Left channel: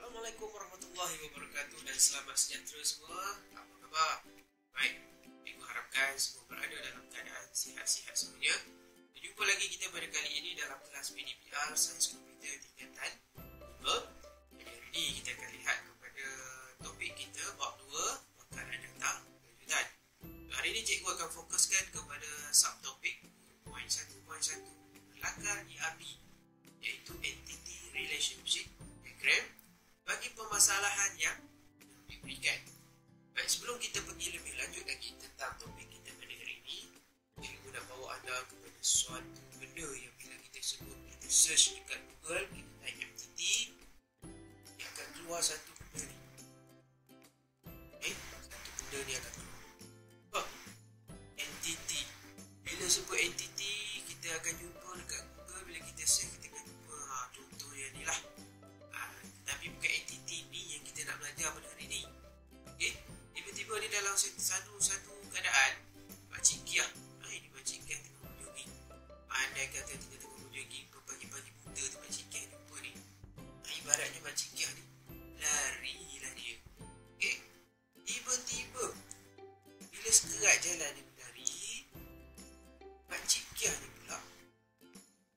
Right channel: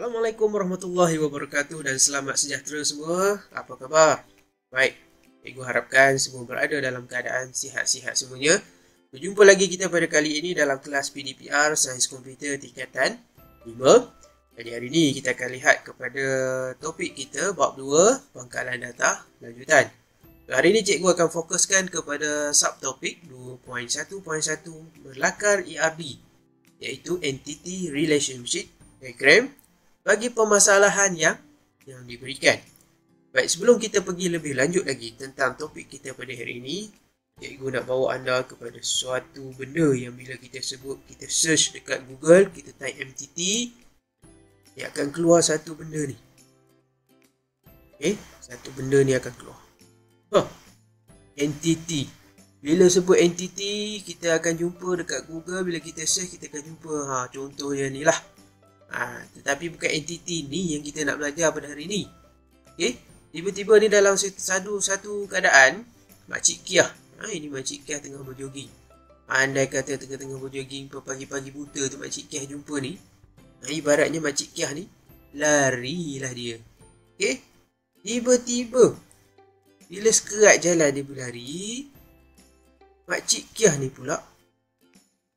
Assalamualaikum warahmatullahi wabarakatuh dan selamat sejahtera semua. Apa khabar? Baik, cikgu harapkan semua berada dalam keadaan sihat-sihat semuanya. Berjumpa lagi kita pada kali ini dalam kelas PDPR Sains Komputer tingkatan 5. Jadi hari ini kita akan lihat kepada topik kita bab 2, pangkalan data lanjutan. Hari ini cikgu akan fokuskan kepada subtopik 2.1.1 berlakar ERD, iaitu Entity Relationship Diagram bagi permasalahan yang diberikan. Baik, sebelum kita pergi lebih lanjut lagi tentang topik kita pada hari ini, cikgu nak bawa anda kepada suatu benda yang bila kita sebut, kita search dekat Google, kita type entity, dia akan keluar satu benda ni. Satu benda ni akan keluar. Entity. Bila sebut entity, kita akan jumpa dekat Google, bila kita search, kita akan jumpa contohnya ni lah. Tetapi bukan entiti ni yang kita nak belajar pada hari ni. Tiba-tiba ni dalam satu keadaan, Makcik Kiah. Ini Makcik Kiah tengah berjoging. Andai kata tengah-tengah berjoging, pagi-pagi buta tu Makcik Kiah jumpa ni. Ibaratnya Makcik Kiah ni, larilah dia. Tiba-tiba, bila sekerat jalan dia berlari, Makcik Kiah ni pula,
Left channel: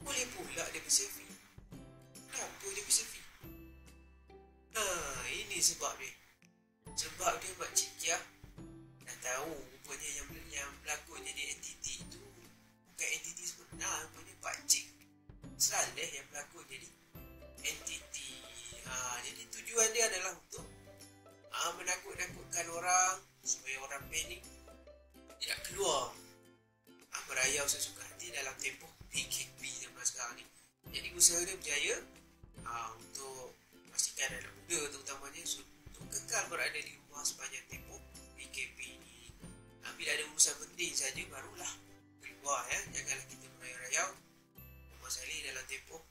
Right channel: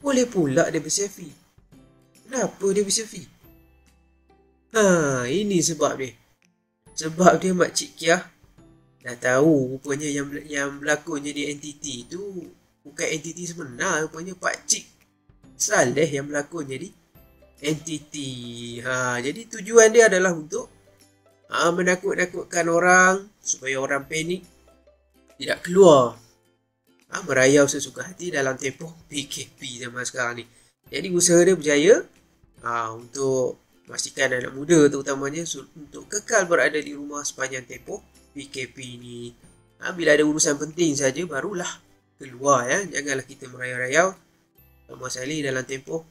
boleh pula dia berselfie. Kenapa dia berselfie? Ini sebab dia. Sebab dia Makcik Kiah dah tahu rupanya yang berlakon jadi entiti tu bukan entiti sebenar. Rupanya Pakcik Saleh yang berlakon jadi entiti. Jadi tujuan dia adalah untuk menakut-nakutkan orang supaya orang panik, tidak keluar, merayau sesuka hati dalam tempoh PKP zaman sekarang ni. Jadi usaha dia berjaya untuk memastikan anak muda terutamanya untuk kekal berada di rumah sepanjang tempoh PKP ni. Bila ada urusan penting saja barulah keluar, ya. Janganlah kita merayau-rayau sama sekali dalam tempoh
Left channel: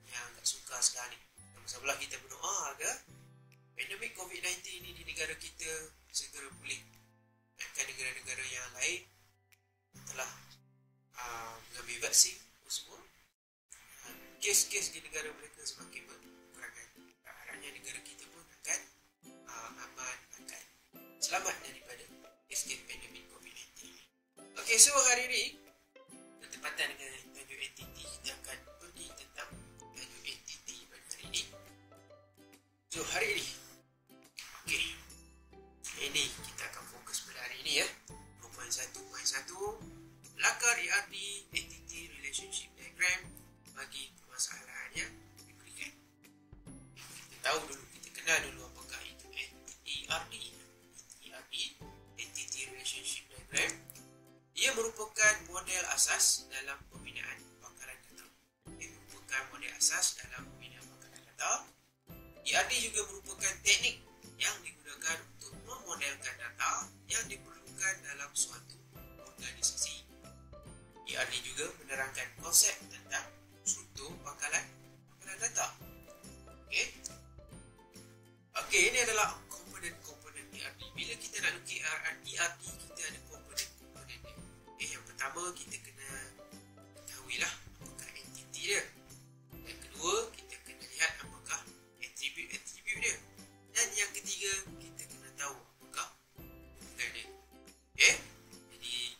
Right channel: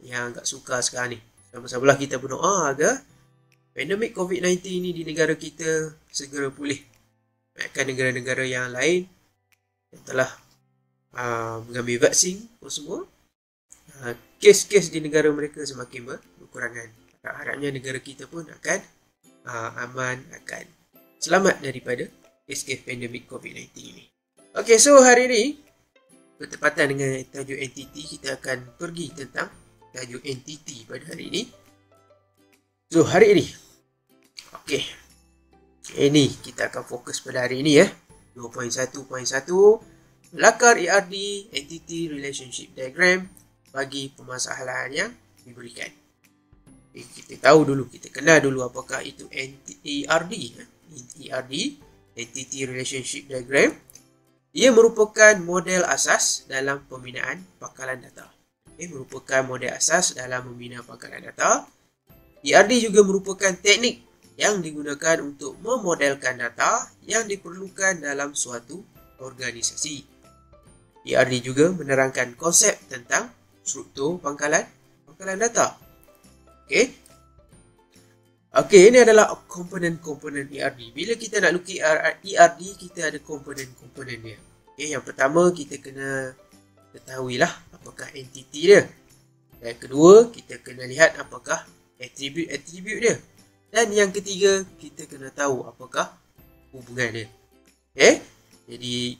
yang agak sukar sekarang ni. Sama-samalah kita berdoa agar pandemik COVID-19 ni di negara kita segera pulih. Bahkan negara-negara yang lain yang telah mengambil vaksin pun semua, kes-kes di negara mereka semakin berkurangan. Harapnya negara kita pun akan aman, akan selamat daripada kes-kes pandemik COVID-19 ini. Okey, so hari ini bertepatan dengan tajuk entity, kita akan pergi tentang tajuk entity pada hari ini. So hari ini, ini kita akan fokus pada hari ini, 2.1.1 Lakar ERD Entity Relationship Diagram bagi permasalahan yang diberikan. Kita tahu dulu, kita kenal dulu apakah itu ERD. ERD, Entity Relationship Diagram. Ia merupakan model asas dalam pembinaan pangkalan data. Merupakan model asas dalam membina pangkalan data. ERD juga merupakan teknik yang digunakan untuk memodelkan data yang diperlukan dalam suatu organisasi. ERD juga menerangkan konsep tentang struktur pangkalan data. Ini adalah komponen-komponen ERD. Bila kita nak lukis ERD, kita ada komponen-komponen dia. Yang pertama, kita kena ketahuilah apakah entiti dia. Dan kedua, kita kena lihat apakah atribut dia. Dan yang ketiga, kita kena tahu apakah hubungan dia. Jadi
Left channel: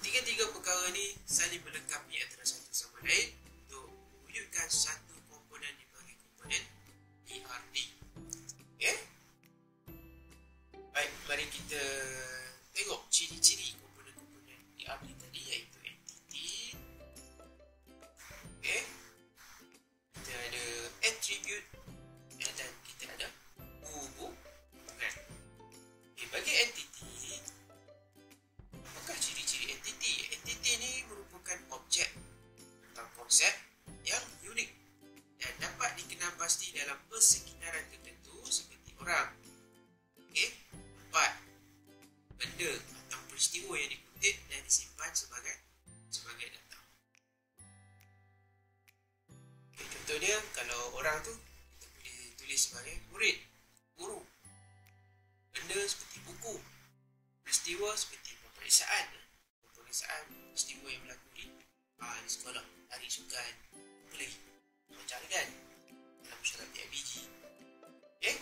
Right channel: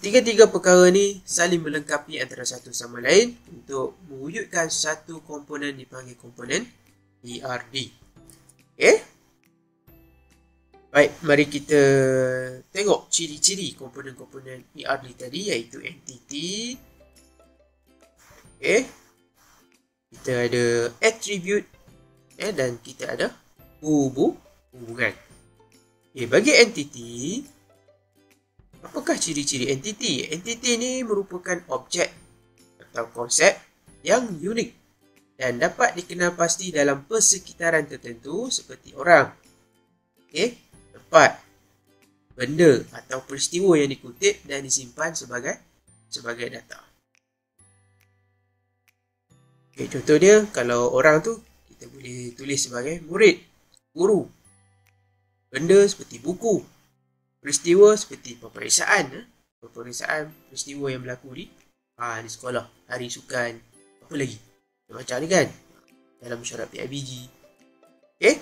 tiga-tiga perkara ni saling melengkapi antara satu sama lain untuk mewujudkan satu komponen dipanggil komponen ERD. Baik, mari kita tengok ciri-ciri komponen-komponen ERD tadi, iaitu entity. Kita ada attribute, dan kita ada hubungan. Bagi entity, apakah ciri-ciri entity? Entity ni merupakan objek atau konsep yang unik dan dapat dikenal pasti dalam persekitaran tertentu seperti orang, tempat, benda atau peristiwa yang dikutip dan disimpan sebagai data. Contoh dia, kalau orang tu kita boleh tulis sebagai murid, guru, benda seperti buku, peristiwa seperti peperiksaan peristiwa yang berlaku di sekolah, hari sukan, apa lagi macam ni kan, dalam syarat PIBG, Okey.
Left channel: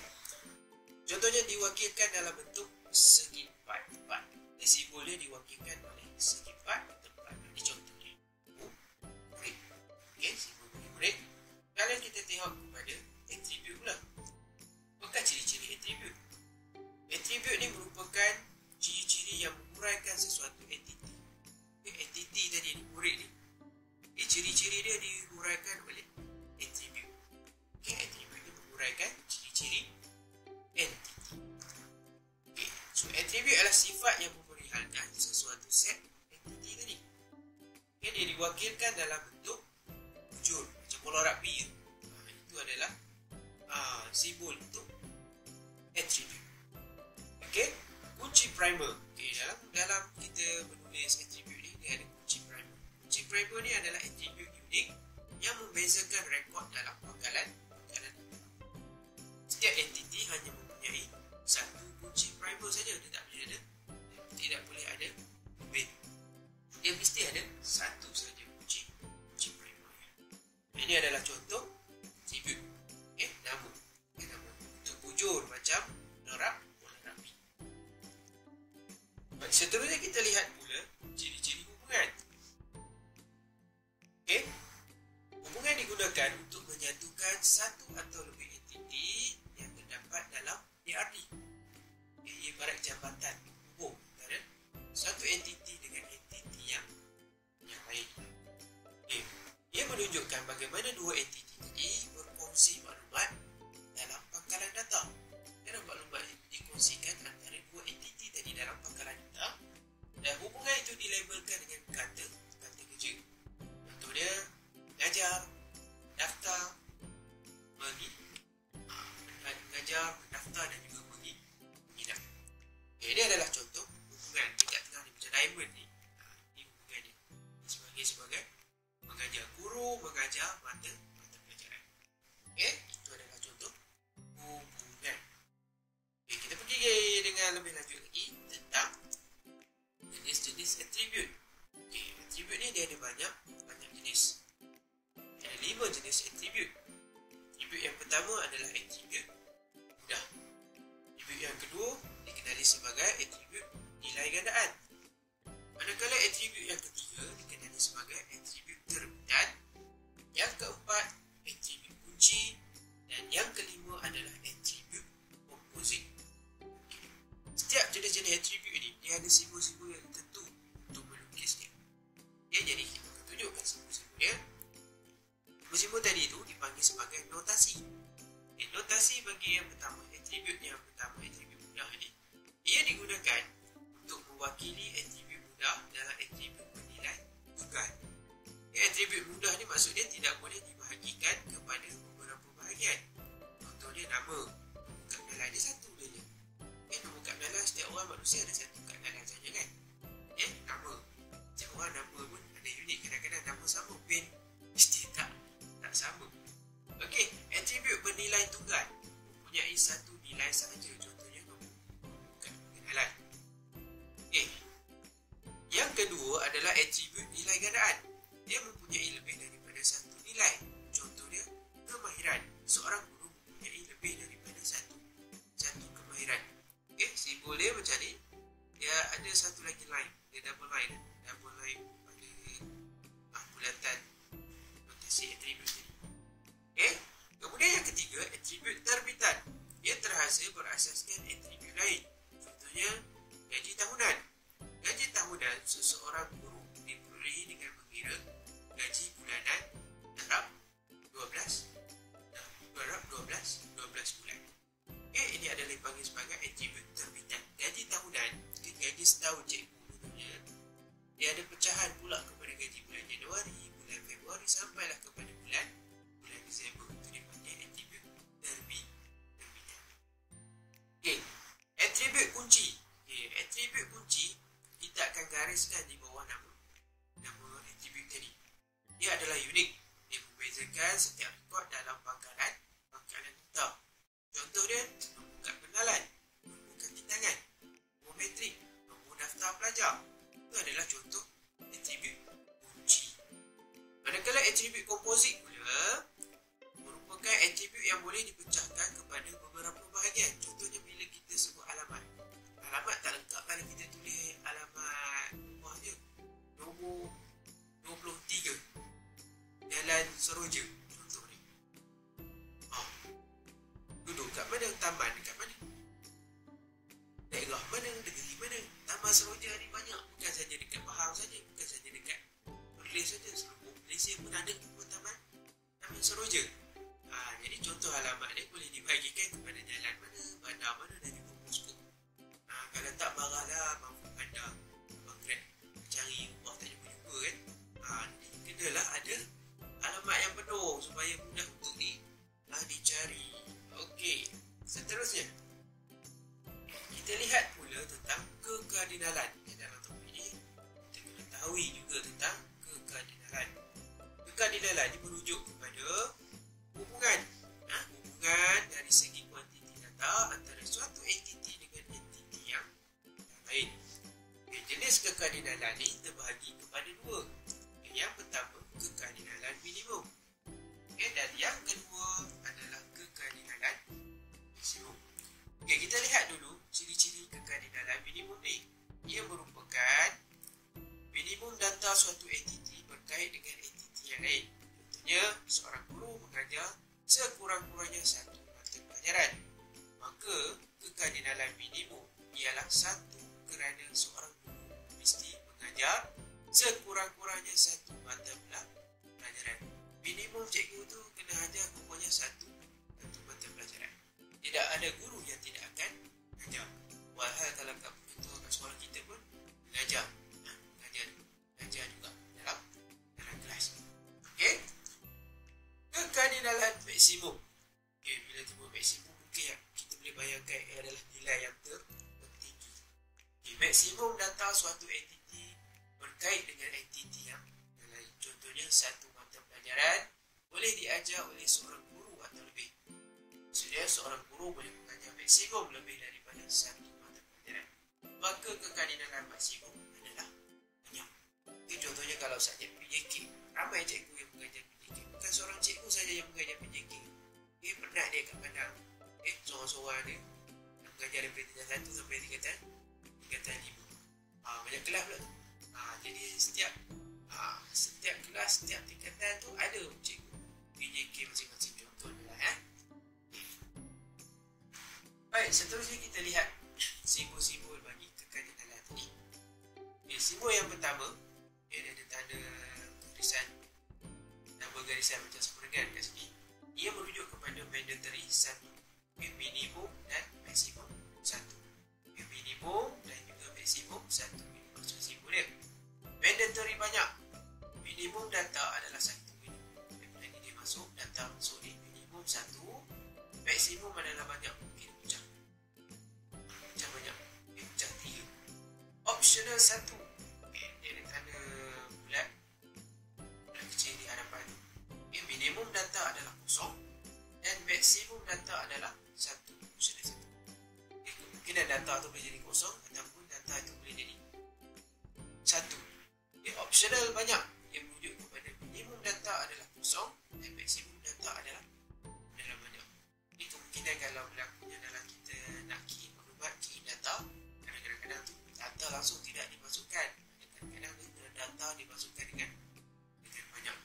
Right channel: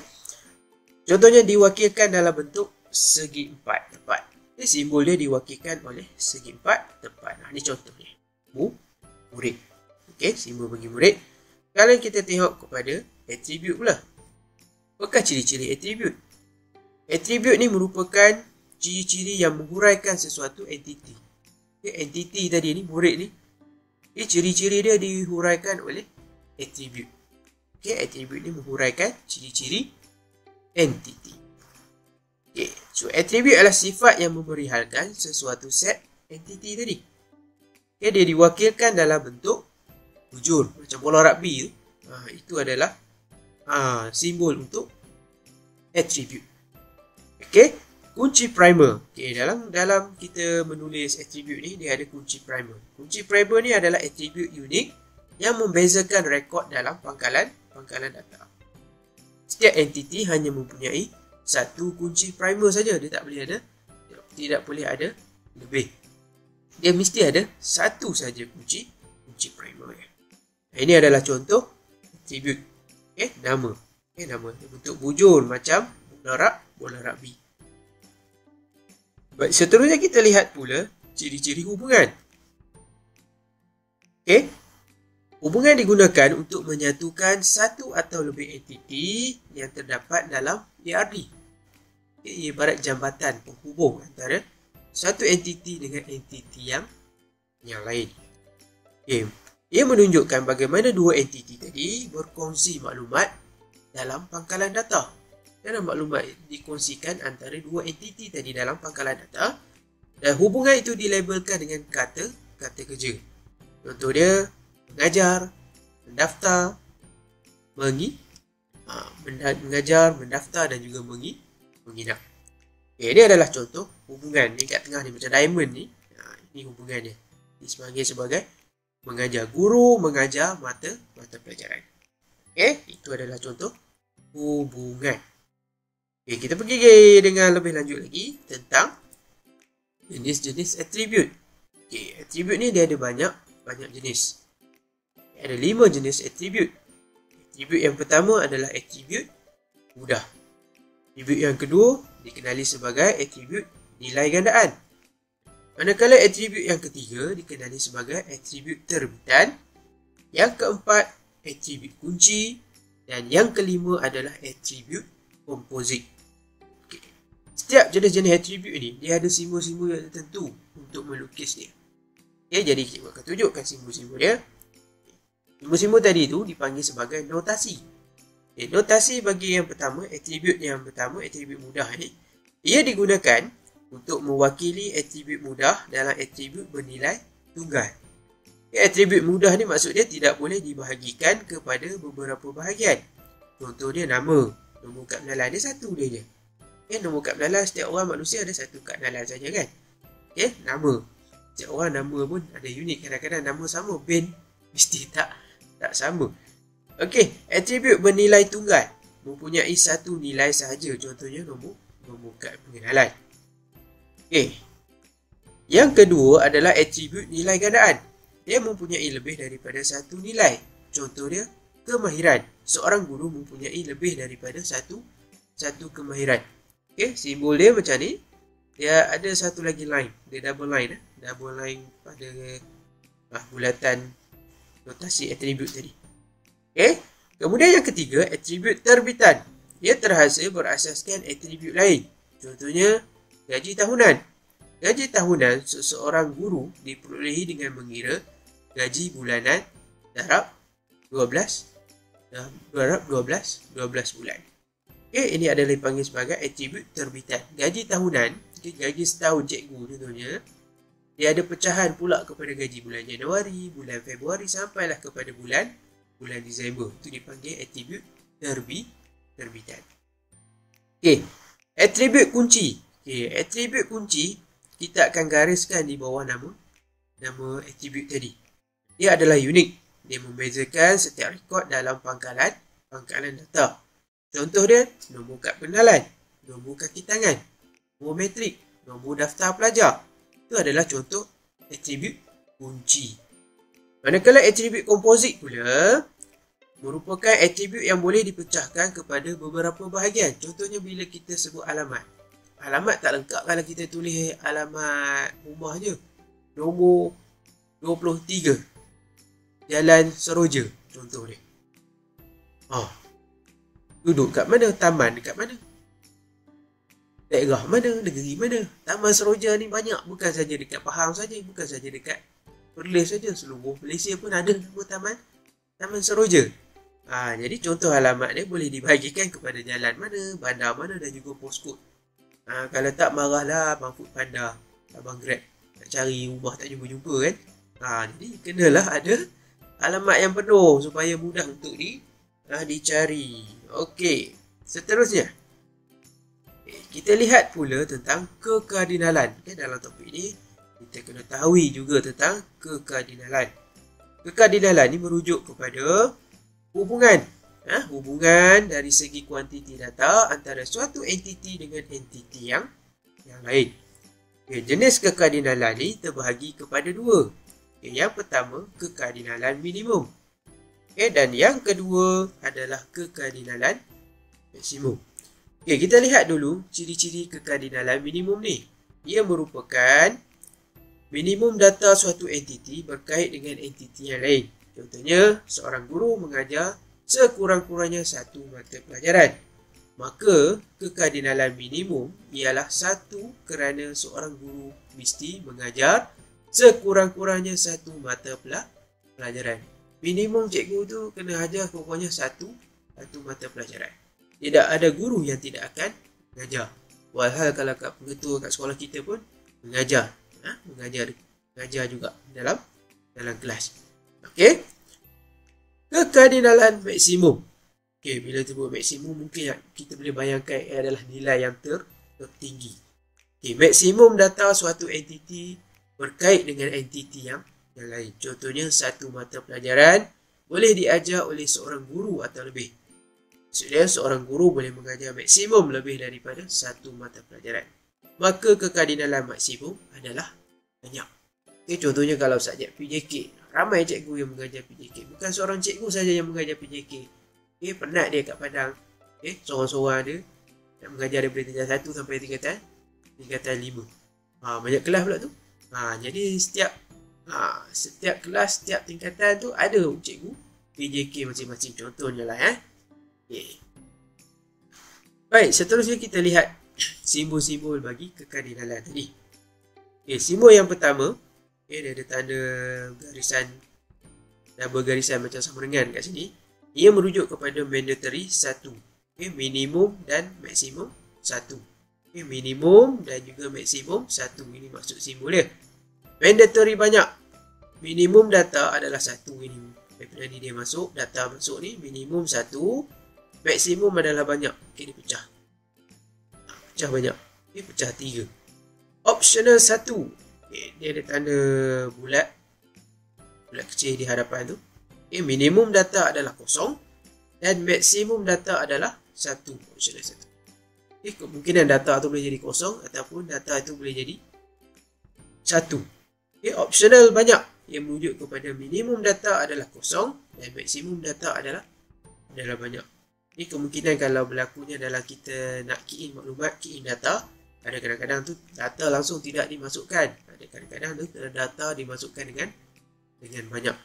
Contohnya diwakilkan dalam bentuk segi empat tepat. Simbol dia diwakilkan oleh segi empat tepat. Ini contohnya. Murid. Okey, simbol bagi murid. Sekarang kita tengok kepada atribut pula. Apakah ciri-ciri atribut? Atribut ni merupakan ciri-ciri yang menghuraikan sesuatu entiti. Entiti tadi ni, murid ni, ciri-ciri dia dihuraikan oleh atribut. Atribut ni menghuraikan ciri-ciri entiti. So atribut adalah sifat yang memerihalkan sesuatu set entiti tadi. Dia diwakilkan dalam bentuk bujur, macam bola rugby tu. Itu adalah simbol untuk atribut. Kunci primer. Dalam kita menulis atribut ni, dia ada kunci primer. Kunci primer ni adalah atribut unik yang membezakan rekod dalam pangkalan data. Setiap entiti hanya mempunyai satu kunci primer saja. Dia tidak boleh ada lebih. Dia mesti ada satu saja kunci primer. Ini adalah contoh atribut. Nama. Nama bentuk bujur macam bola rugby. Baik, seterusnya kita lihat pula ciri-ciri hubungan. Hubungan digunakan untuk menyatukan satu atau lebih entiti yang terdapat dalam ARD. Ia ibarat jambatan penghubung antara satu entiti dengan entiti yang lain. Ia menunjukkan bagaimana dua entiti tadi berkongsi maklumat dalam pangkalan data. Dan maklumat dikongsikan antara dua entiti tadi dalam pangkalan data, dan hubungan itu dilabelkan dengan kata kerja. Contoh dia mengajar, mendaftar, mengajar, mendaftar dan juga menginap. Ini adalah contoh hubungan ni kat tengah ni macam diamond ni. Ini hubungan dia. Ini sebagai mengajar. Guru mengajar mata pelajaran. Itu adalah contoh hubungan. Kita pergi dengan lebih lanjut lagi tentang jenis-jenis atribut. Atribut ni dia ada banyak jenis. Ada 5 jenis atribut. Atribut yang pertama adalah atribut mudah. Atribut yang kedua dikenali sebagai atribut nilai gandaan. Manakala atribut yang ketiga dikenali sebagai atribut terbitan. Yang keempat atribut kunci, dan yang kelima adalah atribut komposit. Setiap jenis-jenis atribut ni dia ada simbol-simbol yang tertentu untuk melukisnya. Jadi kita akan tunjukkan simbol-simbol dia. Simbol-simbol tadi tu dipanggil sebagai notasi. Notasi bagi yang pertama, atribut mudah ni, ia digunakan untuk mewakili atribut mudah dalam atribut bernilai tunggal. Atribut mudah ni maksud dia tidak boleh dibahagikan kepada beberapa bahagian. Contoh dia nama. Nombor kad pengenalan dia satu dia je. Nombor kad pengenalan setiap orang manusia ada satu kad pengenalan saja kan. Nama. Setiap orang nama pun ada unik. Kadang-kadang nama sama, bin mesti tak sama. Atribut bernilai tunggal mempunyai satu nilai sahaja. Contohnya nombor kad pengenalan. Yang kedua adalah atribut nilai gandaan. Dia mempunyai lebih daripada satu nilai. Contoh dia kemahiran. Seorang guru mempunyai lebih daripada satu kemahiran. Simbol dia macam ni. Dia ada satu lagi line. Dia double line. Double line pada bulatan notasi atribut tadi. Kemudian yang ketiga, atribut terbitan. Dia terhasil berasaskan atribut lain. Contohnya gaji tahunan. Gaji tahunan seseorang guru diperolehi dengan mengira gaji bulanan darab 12 bulan. Ini adalah dipanggil sebagai atribut terbitan. Gaji tahunan, gaji setahun cikgu contohnya, dia ada pecahan pula kepada gaji bulan Januari, bulan Februari sampailah kepada bulan Disember. Itu dipanggil atribut terbitan. Atribut kunci. Atribut kunci kita akan gariskan di bawah nama atribut tadi. Dia adalah unik. Dia membezakan setiap rekod dalam pangkalan data. Contoh dia, nombor kad pengenalan, nombor kaki tangan, nombor metrik, nombor daftar pelajar. Itu adalah contoh atribut kunci. Manakala atribut komposit pula, merupakan atribut yang boleh dipecahkan kepada beberapa bahagian. Contohnya bila kita sebut alamat. Alamat tak lengkap kalau kita tulis alamat rumah je. Nombor 23. Jalan Seroja. Contoh dia. Duduk kat mana? Taman dekat mana? Daerah mana? Negeri mana? Taman Seroja ni banyak. Bukan saja dekat Pahang saja. Bukan saja dekat Perlis saja. Seluruh Malaysia pun ada nama Taman Seroja. Jadi contoh alamat dia boleh dibahagikan kepada jalan mana, bandar mana dan juga postcode. Kalau tak marahlah Abang Food Panda, Abang Grab nak cari rumah tak jumpa-jumpa kan. Jadi kenalah ada alamat yang penuh supaya mudah untuk dicari. Okey, seterusnya kita lihat pula tentang kekardinalan. Dalam topik ni kita kena tahu juga tentang kekardinalan. Kekardinalan ni merujuk kepada hubungan dari segi kuantiti data antara suatu entiti dengan entiti yang lain. Jenis kekardinalan ni terbahagi kepada dua. Yang pertama, kekardinalan minimum. Dan yang kedua adalah kekardinalan maksimum. Kita lihat dulu ciri-ciri kekardinalan minimum ni. Ia merupakan minimum data suatu entiti berkait dengan entiti yang lain. Contohnya, seorang guru mengajar sekurang-kurangnya satu mata pelajaran. Maka, kekardinalan minimum ialah satu kerana seorang guru mesti mengajar sekurang-kurangnya satu mata pelajaran. Minimum cikgu tu kena ajar kurang-kurangnya satu mata pelajaran. Tidak ada guru yang tidak akan mengajar. Walhal kalau kat pengetua kat sekolah kita pun mengajar. Mengajar juga dalam kelas. Okey. Kekardinalan maksimum. Bila sebut maksimum mungkin kita boleh bayangkan adalah nilai yang tertinggi. Maksimum data suatu entiti berkait dengan entiti yang lain. Contohnya satu mata pelajaran boleh diajar oleh seorang guru atau lebih. Maksudnya seorang guru boleh mengajar maksimum lebih daripada satu mata pelajaran. Maka kekardinalan maksimum adalah banyak. Contohnya kalau subjek PJK, ramai cikgu yang mengajar PJK. Bukan seorang cikgu saja yang mengajar PJK. Penat dia kat Padang. Seorang-seorang dia nak mengajar daripada tingkatan 1 sampai tingkatan 5. Banyak kelas pula tu. Jadi setiap kelas, setiap tingkatan tu ada cikgu PJK masing-masing. Contohnya lah. Baik, seterusnya kita lihat simbol-simbol bagi kekardinalan tadi. Simbol yang pertama, dia ada tanda garisan dan bergarisan macam sama dengan kat sini. Ia merujuk kepada mandatory 1. Minimum dan maksimum 1. Minimum dan juga maksimum 1. Ini maksud simbol dia. Mandatory banyak. Minimum data adalah 1 ini. Daripada ni dia masuk, data masuk ni minimum 1. Maksimum adalah banyak. Dia pecah. Pecah banyak. Pecah 3. Optional 1. Dia ada tanda bulat kecil di hadapan tu. Minimum data adalah kosong dan maksimum data adalah 1. Optional 1. Kemungkinan data tu boleh jadi kosong ataupun data itu boleh jadi 1. Optional banyak yang merujuk kepada minimum data adalah kosong dan maksimum data adalah banyak. Ini kemungkinan kalau berlakunya dalam kita nak key in maklumat, key in data, ada kadang-kadang tu data langsung tidak dimasukkan. Ada kadang-kadang tu data dimasukkan dengan banyak.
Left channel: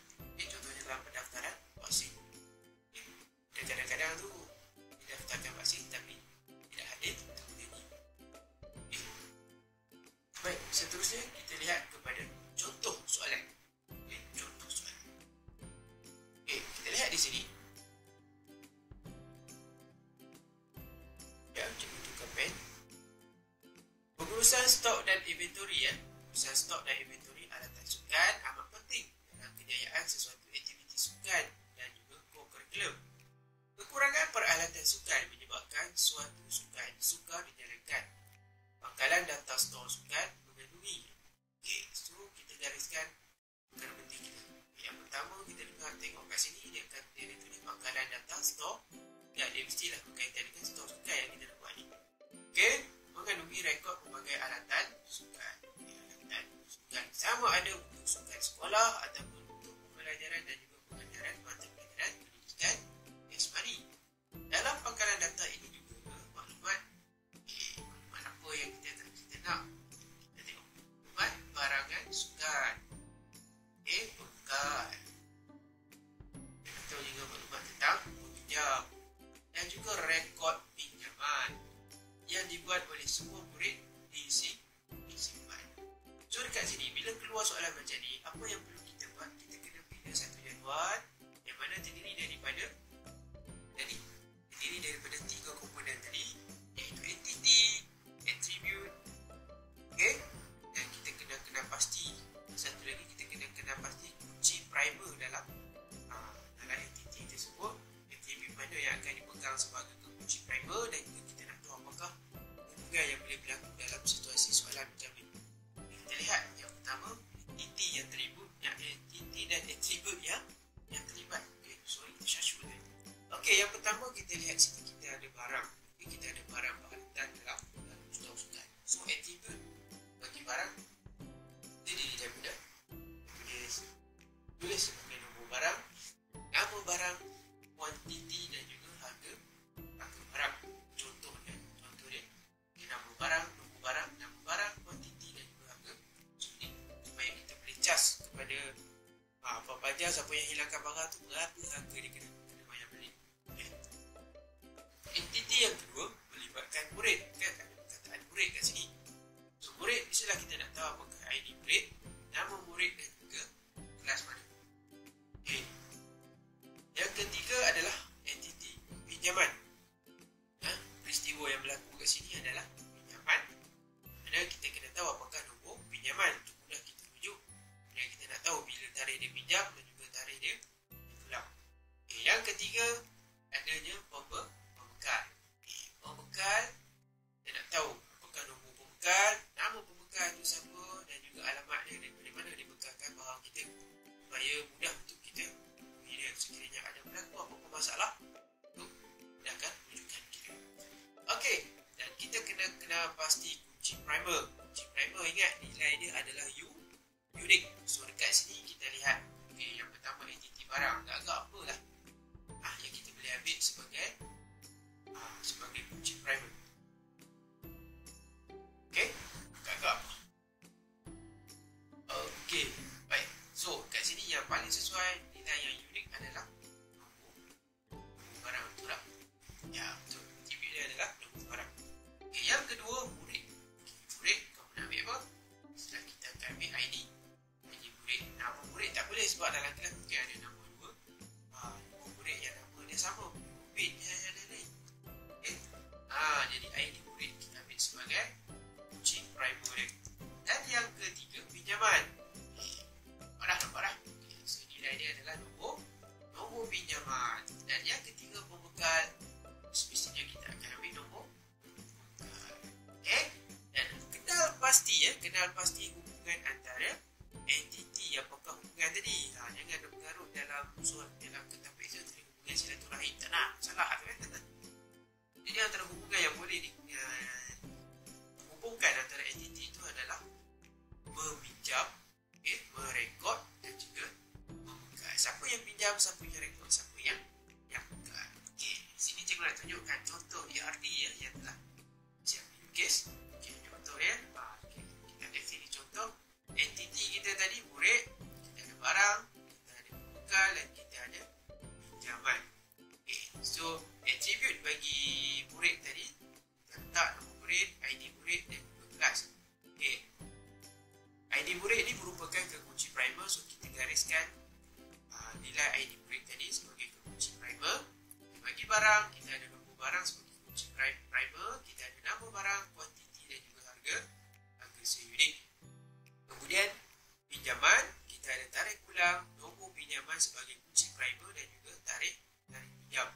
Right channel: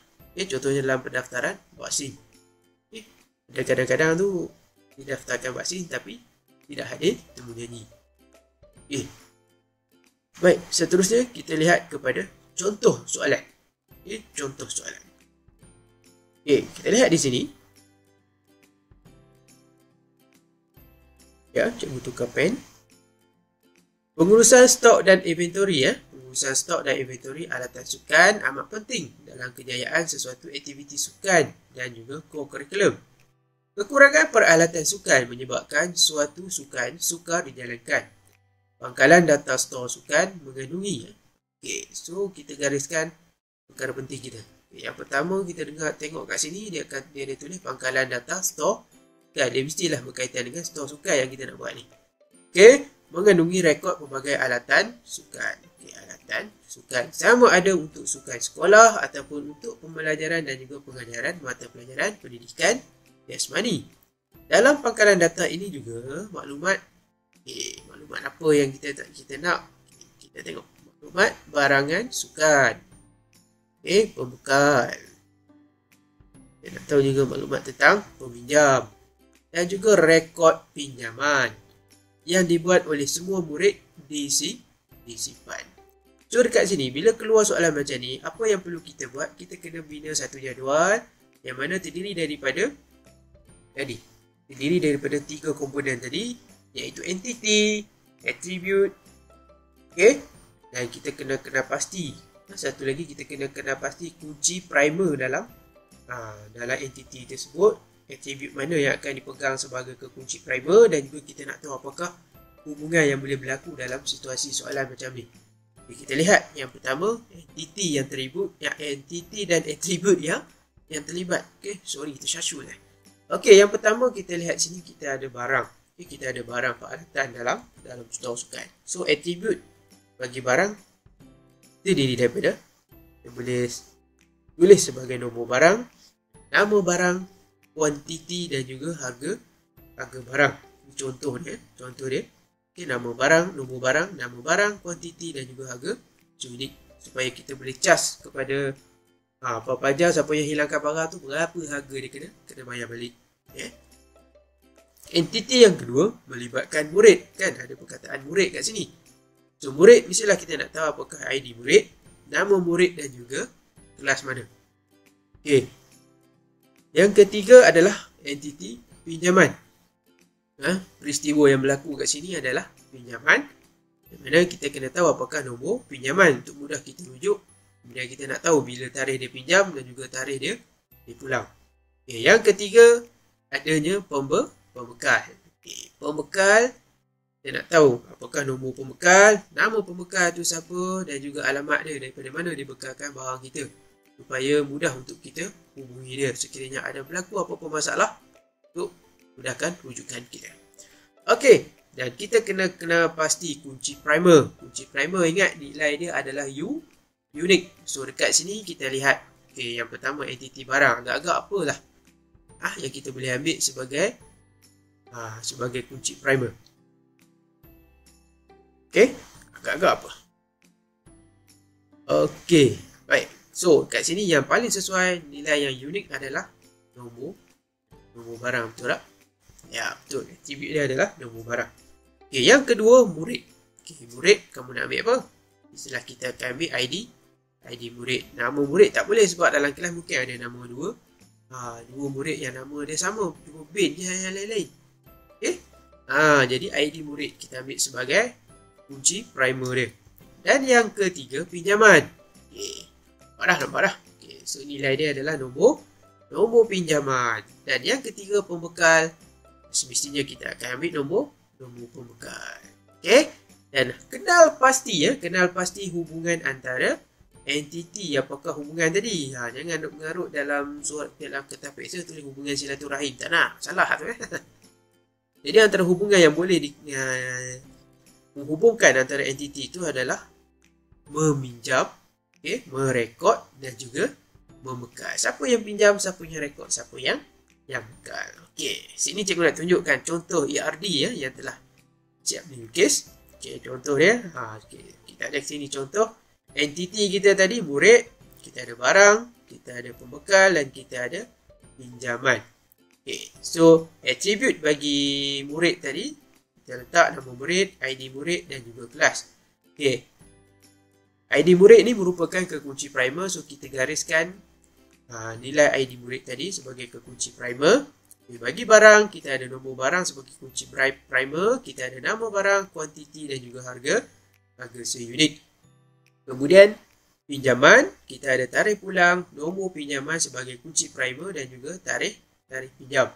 Contohnya dalam pendaftaran vaksin. Ada kadang-kadang tu didaftarkan vaksin tapi tidak hadir temu janji. Baik, seterusnya kita lihat kepada contoh soalan. Contoh soalan. Kita lihat di sini. Cikgu tukar pen. Pengurusan stok dan inventory. Pengurusan stok dan inventory alatan sukan amat penting dalam kejayaan sesuatu aktiviti sukan dan juga co-curriculum. Kekurangan peralatan sukan menyebabkan suatu sukan sukar dijalankan. Pangkalan data stor sukan mengandungi. So kita gariskan perkara penting kita. Yang pertama kita tengok kat sini dia ada tulis pangkalan data stor. Dia mestilah berkaitan dengan stor sukan yang kita nak buat ni. Mengandungi rekod pelbagai alatan sukan. Alatan sukan. Sama ada untuk sukan sekolah ataupun untuk pembelajaran dan juga pengajaran mata pelajaran pendidikan jasmani. Dalam pangkalan data ini juga maklumat apa yang kita nak. Kita tengok maklumat barangan sukan. Pembekal. Kita nak tahu juga maklumat tentang peminjam dan juga rekod pinjaman yang dibuat oleh semua murid disimpan. So dekat sini bila keluar soalan macam ni, apa yang perlu kita buat? Kita kena bina satu jadual yang mana terdiri daripada 3 komponen tadi, iaitu entity, attribute, dan kita kena pasti. Satu lagi kita kena pasti kunci primer dalam entity tersebut, attribute mana yang akan dipegang sebagai kunci primer, dan juga kita nak tahu apakah hubungan yang boleh berlaku dalam situasi soalan macam ni. Kita lihat yang pertama, entity dan attribute yang terlibat. Tersyashul. Yang pertama kita lihat sini kita ada barang. Kita ada barang peralatan dalam sukan. So attribute bagi barang terdiri daripada boleh tulis sebagai nombor barang, nama barang, kuantiti dan juga harga barang. Contoh dia. Nama barang, nombor barang, nama barang, kuantiti dan juga harga unit, supaya kita boleh cas kepada apa-apa aja siapa yang hilangkan barang tu berapa harga dia kena bayar balik. Entiti yang kedua melibatkan murid, kan ada perkataan murid kat sini. So murid mestilah kita nak tahu apakah ID murid, nama murid dan juga kelas mana. Yang ketiga adalah entiti pinjaman. Peristiwa yang berlaku kat sini adalah pinjaman, di mana kita kena tahu apakah nombor pinjaman untuk mudah kita rujuk. Kemudian kita nak tahu bila tarikh dia pinjam dan juga tarikh dia pulang. Yang ketiga adanya pembekal. Pembekal, kita nak tahu apakah nombor pembekal, nama pembekal tu siapa dan juga alamat dia, daripada mana dia bekalkan barang kita, supaya mudah untuk kita hubungi dia sekiranya ada berlaku apa-apa masalah untuk mudahkan rujukan kita. Dan kita kena pasti kunci primer. Kunci primer, ingat nilai dia adalah unique. So dekat sini kita lihat yang pertama entiti barang, agak-agak apalah yang kita boleh ambil sebagai kunci primer. Agak-agak apa? Baik. So kat sini yang paling sesuai nilai yang unik adalah nombor barang, betul tak? Ya, betul. Attribute dia adalah nombor barang. Yang kedua murid. Murid kamu nak ambil apa? Setelah kita akan ambil ID murid. Nama murid tak boleh sebab dalam kelas mungkin ada nama dua murid yang nama dia sama, cuma bin je yang lain-lain. Jadi ID murid kita ambil sebagai kunci primer dia. Dan yang ketiga pinjaman. Nampak dah. So nilai dia adalah nombor pinjaman. Dan yang ketiga pembekal. Semestinya kita akan ambil nombor pembekal. Dan kenal pasti hubungan antara entiti. Apakah hubungan tadi? Jangan nak mengarut dalam kertas peksa tulis hubungan silaturahim. Tak nak, salah tu. Jadi antara hubungan yang boleh menghubungkan antara entiti itu adalah meminjam, merekod dan juga membekal. Siapa yang pinjam, siapa yang rekod, siapa yang bekal. Sini cikgu nak tunjukkan contoh ERD yang telah siap dilukis. Contoh dia. Kita ada sini contoh entiti kita tadi murid, kita ada barang, kita ada pembekal dan kita ada pinjaman. So attribute bagi murid tadi kita letak nama murid, ID murid dan juga kelas. ID murid ni merupakan kekunci primer, so kita gariskan nilai ID murid tadi sebagai kekunci primer. Bagi barang, kita ada nombor barang sebagai kunci primer, kita ada nama barang, kuantiti dan juga harga seunit. Kemudian pinjaman, kita ada tarikh pulang, nombor pinjaman sebagai kunci primer dan juga tarikh pinjam.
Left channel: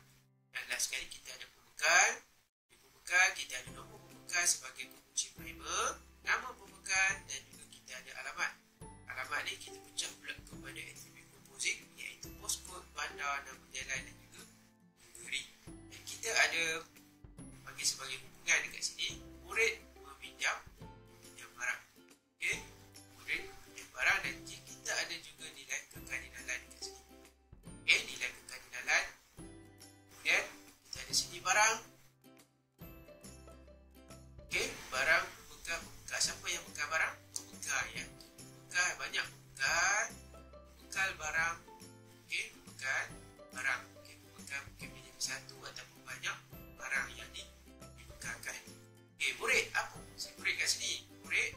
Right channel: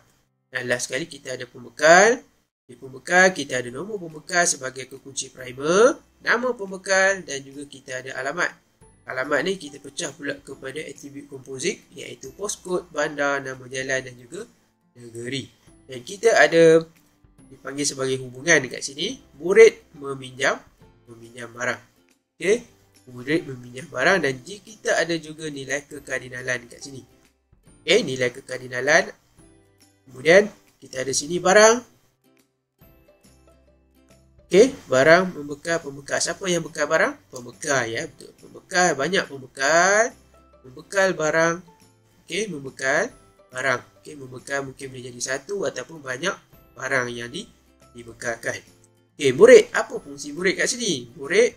Dan last sekali kita ada pembekal. Di pembekal kita ada nombor pembekal sebagai kekunci primer, nama pembekal dan juga kita ada alamat. Alamat ni kita pecah pula kepada atribut komposit, iaitu postcode, bandar, nama jalan dan juga negeri. Dan kita ada dipanggil sebagai hubungan dekat sini, murid meminjam barang. murid meminjam barang, dan kita ada juga nilai kekardinalan kat sini. Nilai kekardinalan. Kemudian kita ada sini barang. Barang, pembekal. Siapa yang bekal barang? Pembekal, ya, betul. Pembekal, banyak pembekal. Membekal barang. Membekal barang. Membekal mungkin boleh jadi satu ataupun banyak barang yang dibekalkan. Murid, apa fungsi murid kat sini? Murid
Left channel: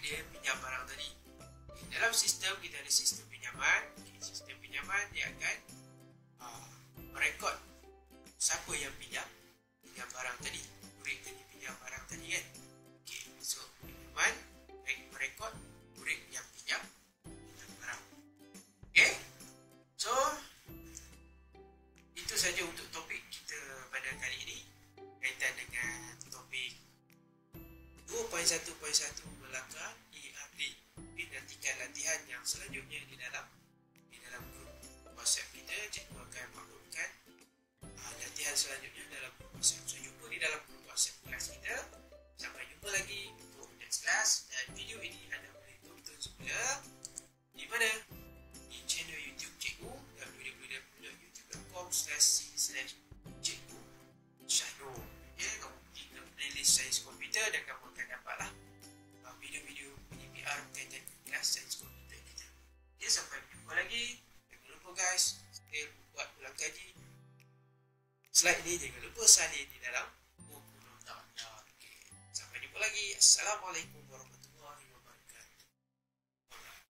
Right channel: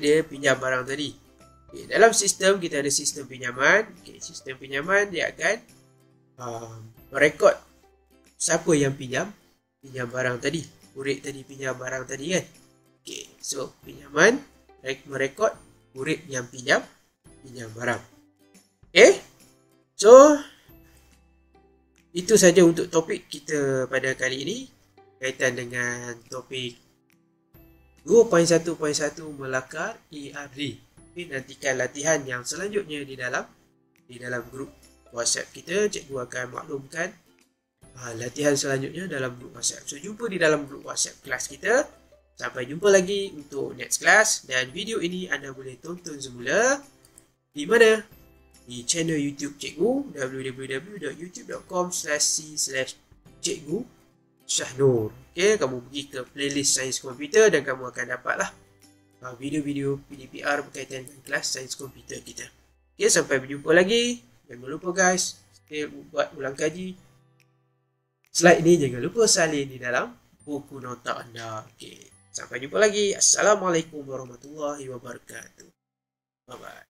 dia pinjam barang tadi. Dalam sistem kita ada sistem pinjaman. Sistem pinjaman dia akan merekod siapa yang pinjam barang tadi. Murid tadi pinjam barang tadi kan. So pinjaman merekod murid yang pinjam barang. So itu saja untuk topik kita pada kali ini kaitan dengan topik 2.1.1 melakar ERD. Nantikan latihan yang selanjutnya di dalam grup WhatsApp kita. Cikgu akan maklumkan latihan selanjutnya dalam grup WhatsApp. So jumpa di dalam grup WhatsApp kelas kita. Sampai jumpa lagi untuk next class, dan video ini anda boleh tonton semula di mana? Di channel YouTube Cikgu, www.youtube.com/c/Cikgu Syahnur. Kamu pergi ke playlist Sains Komputer dan kamu akan dapatlah video-video PDPR berkaitan dengan kelas Sains Komputer kita. Sampai berjumpa lagi. Jangan lupa guys, buat ulang kaji. Slide ni jangan lupa salin di dalam buku nota anda. Sampai jumpa lagi. Assalamualaikum warahmatullahi wabarakatuh. Bye-bye.